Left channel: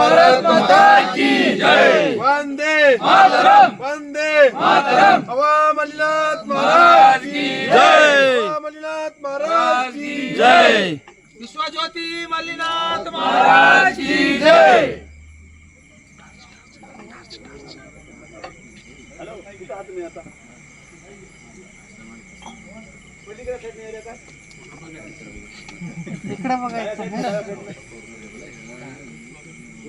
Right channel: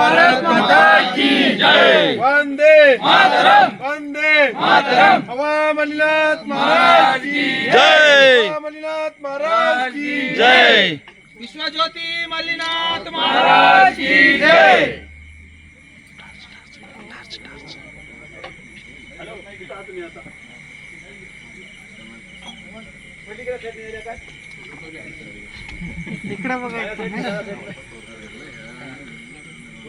भारत माता की जय। वंदे मातरम। वंदे मातरम। हवा मलिनाथ महाराज की जय। मलिनाथ महाराज की जय। विश्वज्योती मल्लीनाथ महाराज की जय।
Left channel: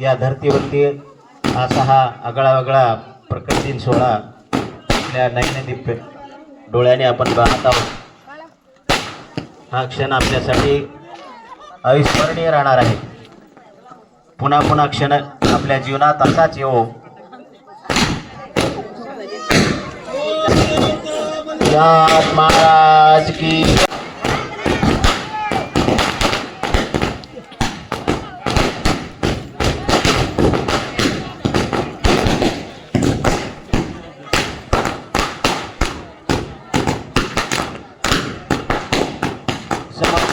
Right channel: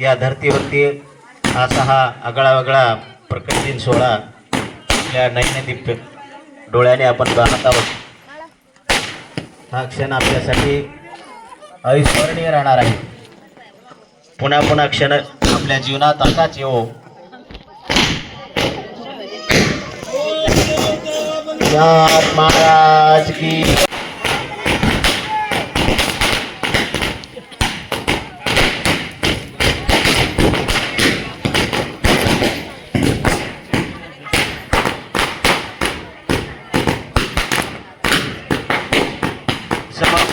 या धर्तीवरती असा हा आगळा वेगळा सोहळा आपल्या नैनदीप डोळ्याने आपण पाहत आहोत. हा क्षण आपल्यासाठी अविस्मरणीय राहणार आहे. पुन्हा पुन्हा क्षण आपल्या जीवनात असाच येऊ या महाराज की